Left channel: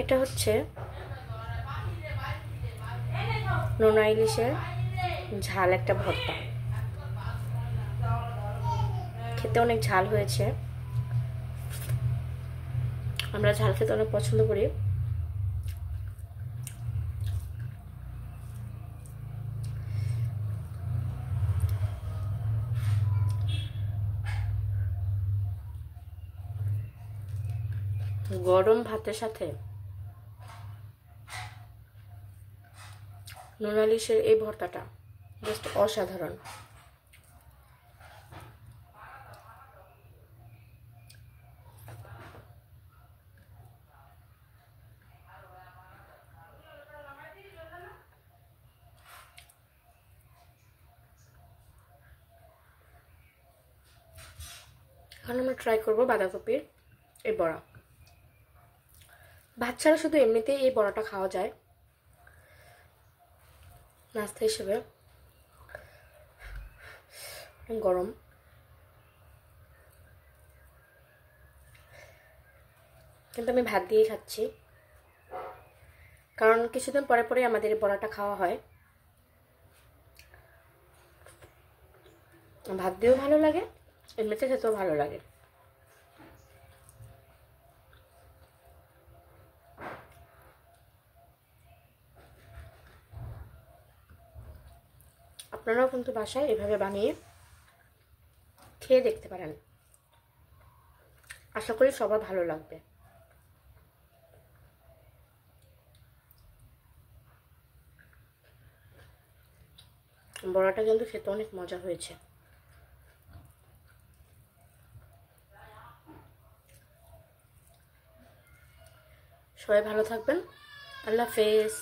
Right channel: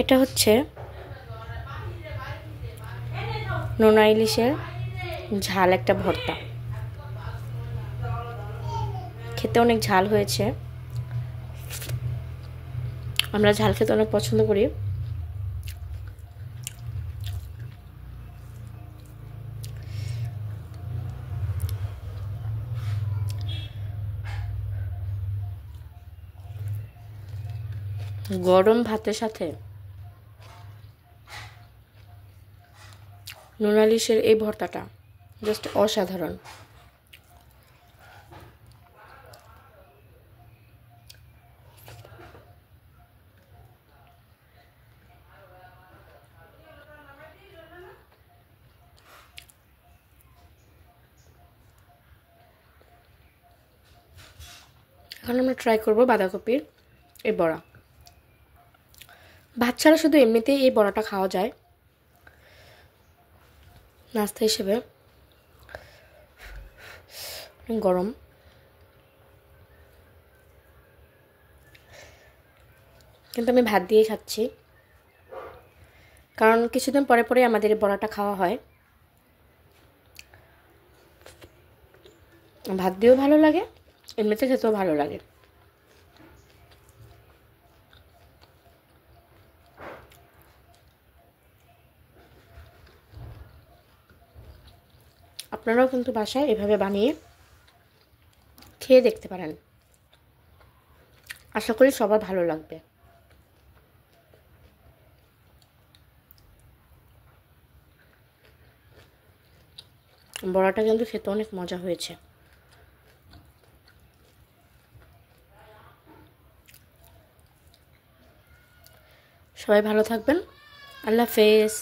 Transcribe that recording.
এটা হচ্ছে নোনা ইলিশের ঝাল একটা ভর্তা। খেতে অনেক ঝাল হয়েছে, আমরা ঝাল খেতে অনেক পছন্দ করি। গরম ভাতের সাথে নোনা ইলিশের এই ভর্তাটা জাস্ট অসাধারণ। এখন আমরা ট্রাই করবো বাঁধাকপির এই বড়া। ভাত ছাড়া শুধু এমনিতেই এই বড়াটা খাওয়া যায় নাস্তা হিসেবে। গরম, কিন্তু আমি ভাত দিয়েই খাচ্ছি, কারণ কিছুদিন পরে পরে আমাদের এই বড়াটা খাওয়া হয়। ভাত দিয়েও ভালো লাগে, এমনিতে খেতেও ভালো লাগে। আপনারাও কিন্তু বাসায় এভাবে বানিয়ে খেয়ে দেখতে পারেন, আশা করি সবার ভালো লাগবে। বড়াটা কিন্তু খেতে অনেক মজা হয়েছে। সবাই ভালো থাকবেন, আল্লাহ হাফেজ।